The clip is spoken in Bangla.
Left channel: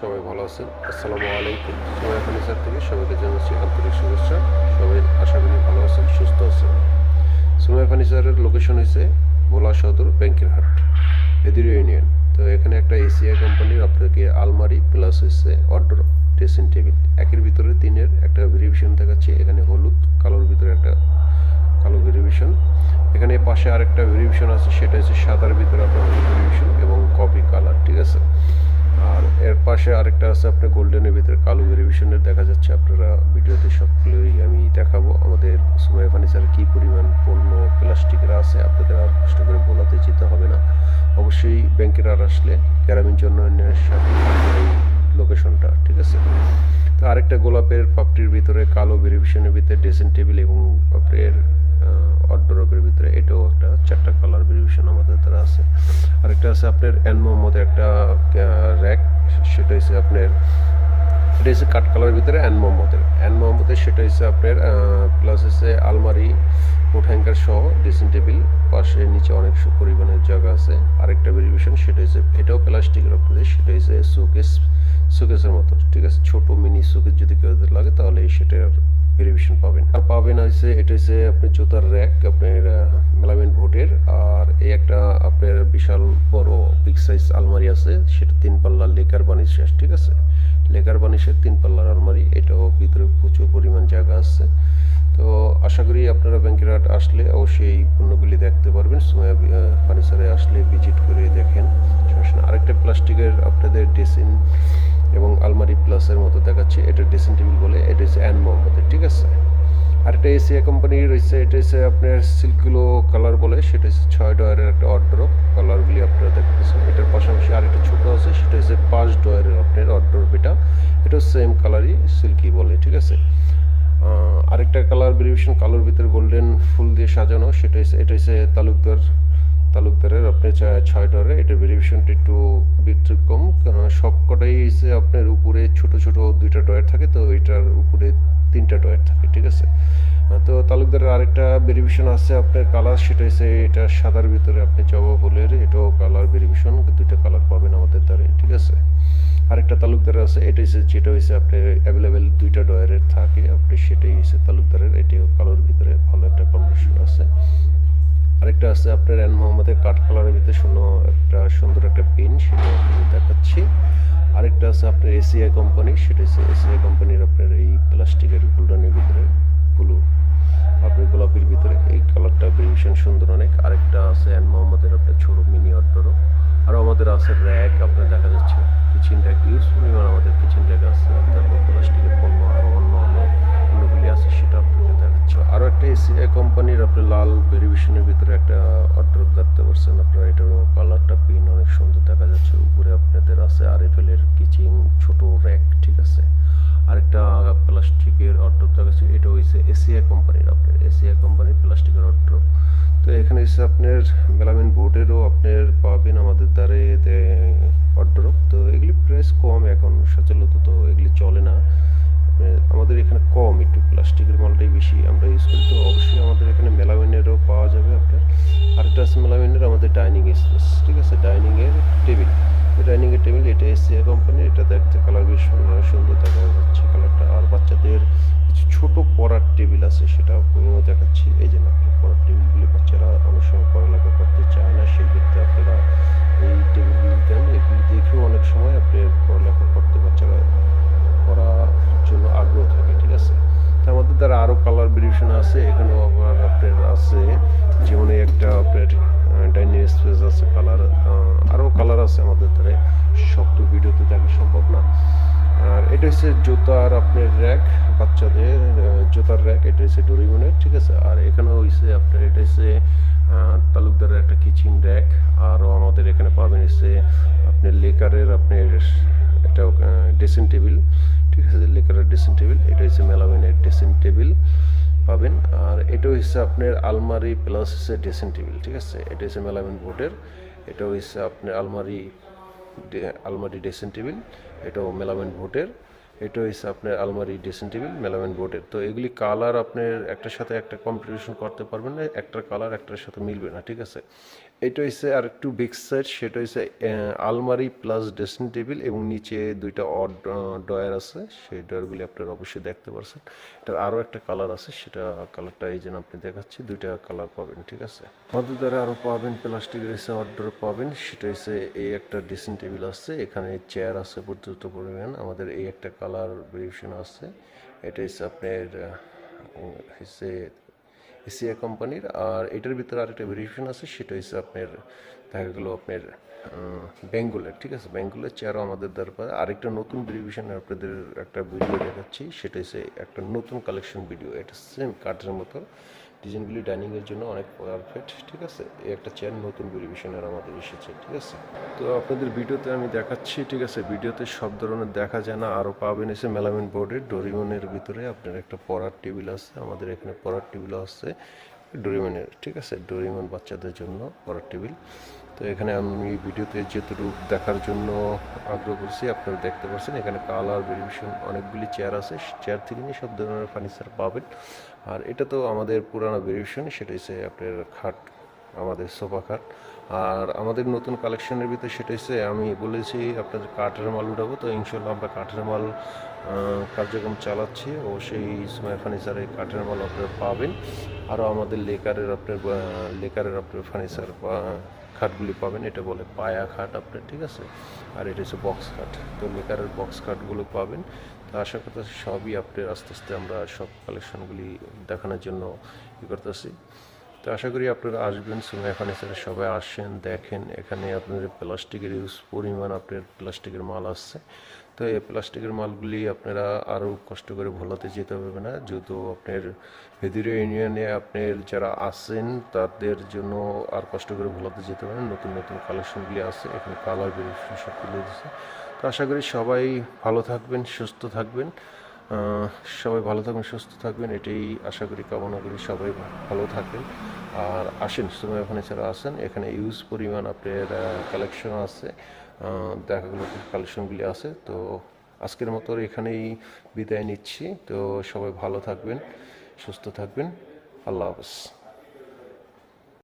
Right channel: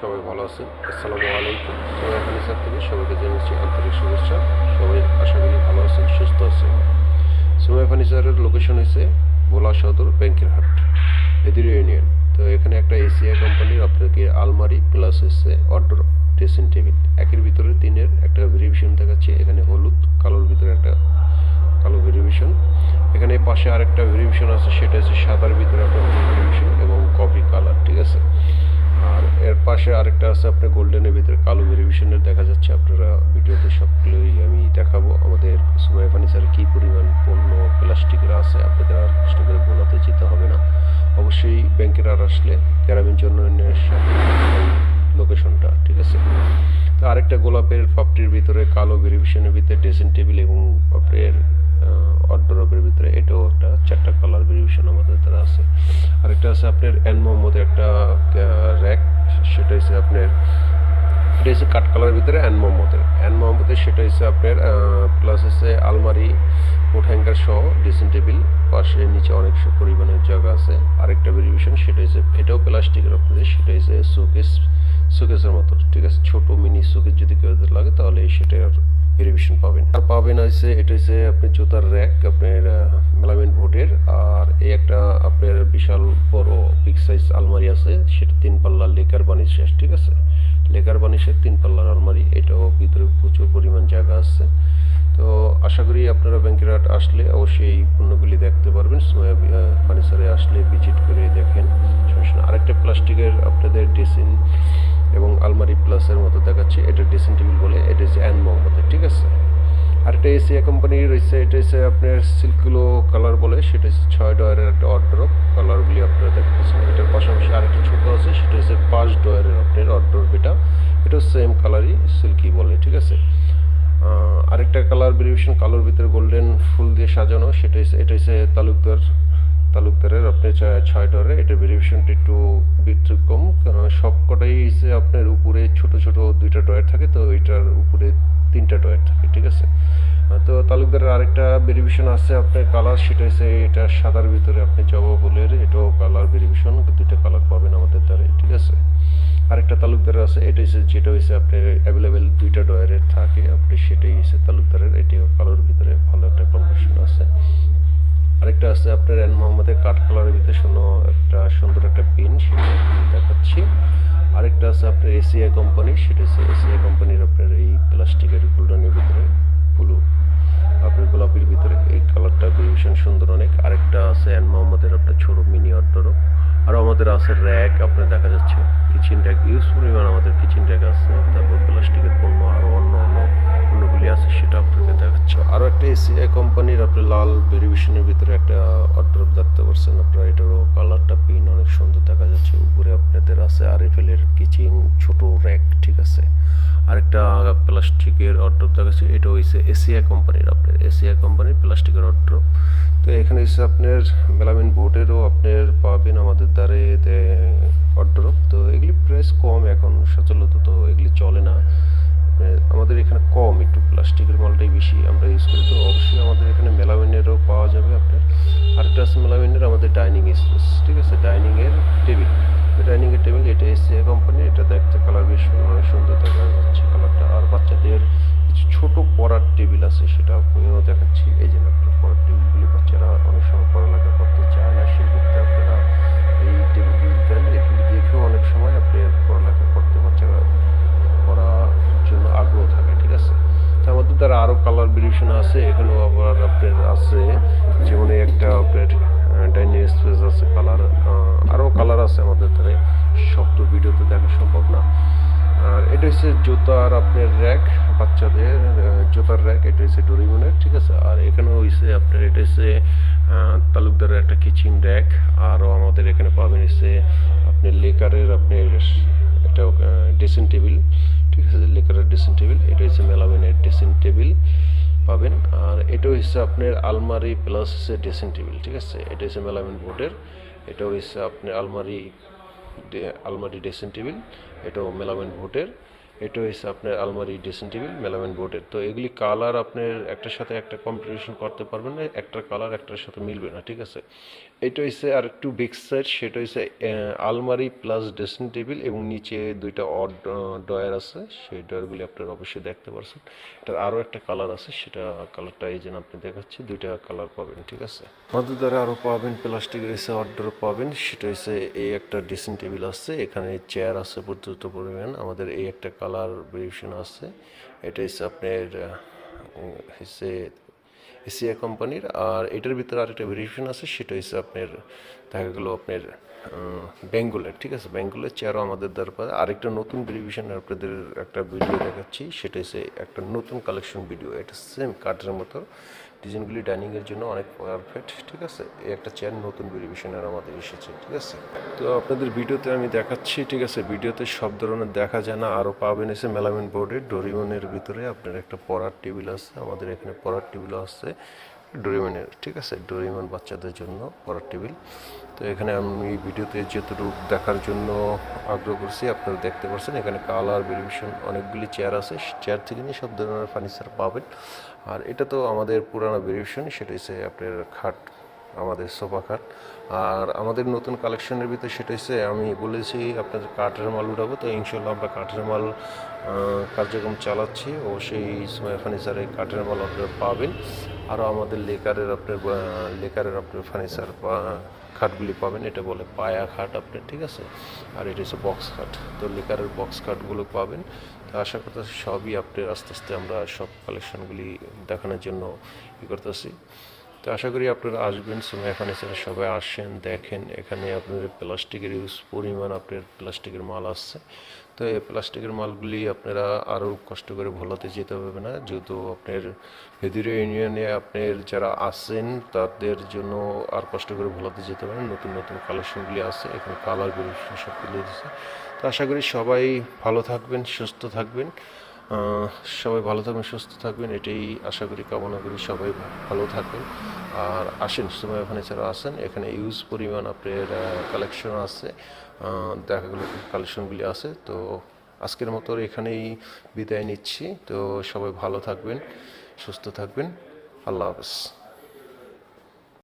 সবাই ভালো আছেন। আসসালামু আলাইকুম। সোয়া ফার্নিচার থেকে সবাইকে জানাচ্ছি আন্তরিক শুভেচ্ছা। সবাই আশা করি ভালো আছেন, সুস্থ আছেন। সোয়া ফার্নিচারের লোকেশন হচ্ছে ভোলা সদর ব্যাংকের হাট, এদির ইউনিয়ন। তো এখানে একটা এসিআই কোম্পানির আপনাকে আলমারি প্লাস হচ্ছে অর্ডার ড্রেসিং টেবিল একের ভিতরে তিনের একটা ভেরিয়েশন দেখাচ্ছি। এখানে হলুদ কালোর ভিতরে একটা কালো ভেরিয়েশন, এখানে পাশে আরেকটা ভেরিয়েশন আছে, সেটা হচ্ছে সাদার ভিতরে একটা ভেরিয়েশন এবং কফি কালার, ঠিক আছে। আর এর পাশে আরেকটা আছে আপনার গোল্ডেনের ভিতরে কালো ভেরিয়েশনের দেখা যাচ্ছে। আপনারা ভিডিওতে সবগুলোই আমি দেখাবো আমাদের সোয়া ফার্নিচারে কী পরিমাণ পণ্য প্লাস্টিকের আছে, আপনাদের আর কষ্ট করে বলাতে যেতে হবে না। অবশ্যই ব্যাংকের আর আসলে গ্রামীণ জন্য এই লোকেশনটা, ঠিক আছে। তো আরেকটা গোলাপের পাপড়ির ভিতরে কালো ভেরিয়েশনের ভিতরে ড্রেসিং টেবিল এবং আপনার অর্ডারের ভিতরে এটাও একটা চারটা কালার ভেরিয়েশন আমাদের দ্বারা আছে। আরেকটা আছে আপনার এন মোহাম্মদের একটা র্যাক, সেটা হচ্ছে আপনার এটা হচ্ছে কাঠ কালারের ভিতরে এন মোহাম্মদের সেটা হচ্ছে আপনার প্লাস হচ্ছে আলমারি কোট হ্যাঙ্গার সহ ড্রেসিং টেবিল, পাশে নিচে অনেক পরিমাণের জায়গা আছে। আরেকটা ভেরিয়েশন সেটা হচ্ছে এটাও প্লাস্টিকের উপরে, সেটা হচ্ছে শোকেসের মতো, ঠিক আছে। ছোট মিনি শোকেস যদি কেউ লাগে তাহলে সেটার ভেরিয়েশন পাবেন। আর পাবেন হচ্ছে এটা হচ্ছে আপনি জুতার র্যাক আপনার মেলামিন ভোটের। আর এই একটা আপনার বিশাল বড় বিগ সাইজ আলমারি আছে, সেটা 3 পাল্লার লেকার বানিশের, ঠিক আছে। লেকার বানিশের 3 পাল্লার আলমারি, এটাও ভিতরে প্রচুর পরিমাণ জায়গা আছে। তো আশা করি আপনারা ব্যাংকের হাট আসলে অবশ্যই এই পণ্যগুলি দেখতে পারবেন। ফার্নিচারে আসলে ভিজিট করে দেখেন, সমস্যা। আরেকটা প্লাস্টিকের আপনাদের ড্রেসিং এবং আলমারি প্লাসের মতো দেখাচ্ছে, এটা ড্রেসিং টেবিল বলে, এটা হচ্ছে অ্যান মোহাম্মদের, ঠিক আছে। আরেকটা এসিআই কোম্পানি রয়েছে, এটা হচ্ছে আপনার সিল্কগুলো কালার বলে, সেটা হচ্ছে 6 ডয়ারের একটা অর্ডারপ কালারগুলি আপনারা দেখতেছেন। এটার পাশাপাশি আরেকটা ছোটো আছে, সেটা হচ্ছে 5 ডয়ারের আপনার অর্ডারপ, এটাও সেম কালারই সিল্কি বলে, ঠিক আছে। আরেকটা কালার ভেরিয়েশন কালোর ভিতরে গোল্ডেন ফুল দিয়ে সাজানো, এটা হচ্ছে তালুকদারের আপনার 6 ডয়ারে। এটা ভেরিয়েশনটা একটু ব্যতিক্রম, সব কটাই হচ্ছে আপনার উপরে ছোট ছোট 2টা ডয়ার থাকে, তো এটার উপরে 3টা ডয়ার থাকে, ঠিক আছে। তো তালুকদারের আরেকটা ভেরিয়েশন আছে আপনার কালার, সেটা হচ্ছে এটা সাদার ভিতরে আপনি জবা ফুলের, এটাও কালার ভেরিয়েশন, 2টা কালার পাবেন আমাদের দ্বারে, ঠিক আছে। আরেকটা তালুকদার আছে, এটা হচ্ছে যেটা হচ্ছে আপনার অ্যাভেলেবেল 2টা ডয়ারে থাকে, আপনি সেটাই হচ্ছে তালুকদারের, এটাও কালোর ভিতরে ভালো একটা কম্বিনেশন আছে। আরেকটা আছে আপনার এন মোহাম্মদের কাঠ কালারের ভিতরে একটা সুন্দর একটা পেন, সেটা দেখাচ্ছি। আরেকটা আছে আপনার এসিআই কোম্পানি, সেটা হচ্ছে এসিআই কোম্পানির আপনার এই প্লাস্টিকের গোল্ডেনের ভিতরে ব্লু আপনার গোলাপির ভিতরে, এই কালারটা ভেরিয়েশন সুন্দর অনেক। আরেকটা আছে এন মোহাম্মদের আপনার ছোটো মিনি অর্ডারও। আরও আমাদের আছে র্যাক, আপনার দেখা যাচ্ছে কিচেন র্যাক, ইউজ পরিমাণ আমাদের কিচেন র্যাক আছে। তারপর প্লাস্টিকের পণ্য আরও অন্য পণ্যগুলি আছে, সেটা আপনাকে দেখাচ্ছে। আরও একটা এসিআই কোম্পানির আপনি লাল ভেরিয়েশনের ভিতরে একটা অর্ডার দেখতে পাচ্ছেন আপনারা, এটারও কালারটা পিন অনেক সুন্দর দেখা যাচ্ছে। উপরে আপনাদের আছে আরএফএলের কিচেন ছোট র্যাক, ঠিক আছে। আরেকটা প্লাস্টিকের অর্ডার দেখাচ্ছে, এটা হচ্ছে এসিআই কোম্পানির প্লাস্টিকের অর্ডার। তো এখানে হচ্ছে আপনার মেলামিন বোর্ডেরও আপনার পাবেন আমাদের দ্বারে অর্ডার। তো এগুলি প্রাইস কম এখন সচলত, তো এগুলি চলে না আমাদের এখানে, কম একটু প্লাস্টিকের মালটাই বেশি আমরা ইউজ করি। তো অবশ্যই আমাদের এখানে মেলামিনেরও পাওয়া যাবে আপনার। আরেকটা আছে মেলামিনের আমাদের ডাইনিং স্পেস, ঠিক আছে, ডাইনিংয়ের টেবিল, এটা এসিআই কোম্পানি, এটা দেখতে কালার বেশ সুন্দর দেখা যাচ্ছে কালারটা। আর বাচ্চাদের কিছু ছোটো পড়ার টেবিল আছে, সেটা আপনিও দেখাচ্ছি। এই যে আপনার পড়ার টেবিলগুলি বাচ্চারা অনেক সময় পড়ালেখা করতে চায় না, সেক্ষেত্রে আপনারা এই টেবিলগুলি দেন, এগুলি দেখেও অনেক সময় আপনি পড়ালেখা করতে বাচ্চারা করার জন্য আগ্রহ থাকে, ঠিক আছে। তার মধ্যে তারা আরও কালার ভেরিয়েশন আছে, এখানেও আবার আপনার আছে, যেমন একটা আপনার ডাইনিং স্পেস আছে কালার, আরও কালার আছে আমাদের ধারে, সব তো ভিডিওতে দেখা সম্ভব না। আর এটা হচ্ছে জুতার আপনার র্যাক, বাচ্চাদের জুতার র্যাক, এটা হচ্ছে ডোরিমনের, ঠিক আছে। আর এখানেও হচ্ছে আপনার এটা হচ্ছে তালুকদারের একটা কিচেন র্যাক। আরও আমাদের এখানে পাবেন হচ্ছে আপনার লেকারের আপনার একটা ড্রেসিং টেবিল, ঠিক আছে, লেকারের ড্রেসিং টেবিল, এটা হচ্ছে মেলামিনের ড্রেসিং টেবিল পাবেন। আর এটা হচ্ছে আপনার আলমারি প্লাস হচ্ছে ড্রেসিং টেবিল, ঠিক আছে। এটা হচ্ছে মেলামিন বোর্ডের, এটা হচ্ছে আপনার আলমারি ড্রেসিং টেবিল, এটাও মেলামিন বোর্ডের। এটা হচ্ছে আপনার আলমারি ড্রেসিং টেবিল মেলামিন বোর্ডের। তো এগুলি কালার আপনার একটার সাথে একটা কম্পিটিশন করতে পারবেন না, একটার কালার একটার সাথে মিলবে না, ঠিক আছে। এটা হচ্ছে আর একটু বিগ সাইজ, সেটা হচ্ছে আলমারি প্লাস ড্রেসিং টেবিল এবং নিচে দুইটা ডয়ার আছে, সেই ডয়ারগুলি আপনারা অবশ্যই দেখতে পাচ্ছেন। এটার আরও একটা কালার আছে, সেটা কালারটা এই জন্য আপনি দেখাচ্ছি, দুইটা কালার পাবেন, ঠিক আছে। আমাদের দ্বারা আরও পাবেন প্লাস্টিকের এসে অর্ডার পাবেন, সেটা হচ্ছে এই একটা ড্রেসিং টেবিল আছে, এখানে চেয়ার আছে পর্যাপ্ত পরিমাণ। আমাদের এই একটা কালার ভেরিয়েশন আছে, এটা হচ্ছে আপনার হচ্ছে এসিয়া কোম্পানির। আর এটার ভিতরে আরেকটা ভেরিয়েশন আছে, সেটা হচ্ছে আপনার দেখা গেলো আপনার বেঙ্গলের, ঠিক আছে। বেঙ্গলের চেয়ারও আমাদের দরকার। আরেকটা নতুন ভেরিয়েশন আপনাদের একটা ভিডিও দেখাচ্ছি, সেটা হচ্ছে একটা নতুন কালেকশন ভিডিও। এটা সেম কাঠের মতো, ডিজাইনগুলি ডাইনিংয়ের জন্য অনেক পারফেক্ট, ঠিক আছে। এই একটা চেয়ার নতুন ভেরিয়েশনের আমাদের এসেছে, ঠিক আছে। তো আপনাদের ভিডিওতে আমি দেখাচ্ছি, ঠিক আছে। ভিডিওতে সব ধরনের দেখা যায় না, আরও পাবেন এসে মেলামিন বোর্ডের ডোরিমনের ভিতরে আপনার একটা পড়ার টেবিল আছে। আমাদের এখানে পড়ার টেবিল আছে ডোরিমনের, ঠিক আছে। ডোরিমন বাচ্চাদের জন্য পড়ার টেবিল। তো এখানে আমি ভিডিওতে যতটুকু দেখার জন্য আগ্রহ করছি আপনারা দেখতে পাচ্ছেন। এখানে কালার ভেরিয়েশন অনেকগুলি চেয়ার আছে, চেয়ার থেকে নিয়ে সব ধরনের ফার্নিচার পাবেন। আর এটা তো আমাদের পুরানো ভেরিয়েশন, সেটা হচ্ছে আপনার খাট, আমাদের সোফা খাট। আর আমাদের নতুন কালেকশনের ভিতরে সেটা হচ্ছে আমি বলেছি আপনাদের কাঠের মাল উঠাবো, তো ইনশাল্লাহ আমরা কাঠের মাল কার্যক্রম চালাচ্ছি। অবশ্যই সময় ফার্নিচারে কাঠের মাল আপনারা পাবেন। আরও আমাদের লেকারের আপনার ফার্নিচার খাটগুলি পাবেন। এটা বলে পায়া খাট আপনার, ঠিক আছে। আর এটা হচ্ছে বক্স খাট, তো লেকারের বক্স খাটগুলো পাবেন। তো আশা করতেছি সবই আপনার আস্তে আস্তে আমরা সব কালেকশনগুলি দেখানোর জন্য করতেছি। তো আশা করি আপনারা আসবেন সুমাইয়া ফার্নিচারে, সবাই আসেন, দেখেন। এখানে আপনাদের প্লাস্টিকের ইউজ পরিমাণ আপনার প্লাস্টিকের মাল আসছে। তো এই প্লাস্টিকের মালগুলি আপনারা আরও কষ্ট করে ভোলাতে যেতে হবে না, যেহেতু আপনার হেদিরা ইউনিয়নে আপনার যারা আছেন তাদের জন্য আর কষ্ট করে ভোলাতে যেতে হবে না। নতুন নতুন কালেকশনগুলি আছে, এখানে কালার ভেরিয়েশন সব তুলে দিচ্ছে। তো আশা করি সবাই ভালো থাকবেন, সুস্থ থাকবেন। সবাই ভালো থাকবেন, সুস্থ থাকবেন, এটাই আশা করি, কামনা করি সবাই ভালো থাকবেন। আর আসেন সুমাইয়া ফার্নিচারে আসেন, এখানে ইউজ পরিমাণ আপনার কালেকশন আছে, দেখা গেলো কালেকশনগুলি আছে। তো আজকের মতো এখানেই বিদায় নিচ্ছি। তো সবাই ভালো থাকবেন, সুস্থ থাকবেন। আল্লাহ হাফেজ।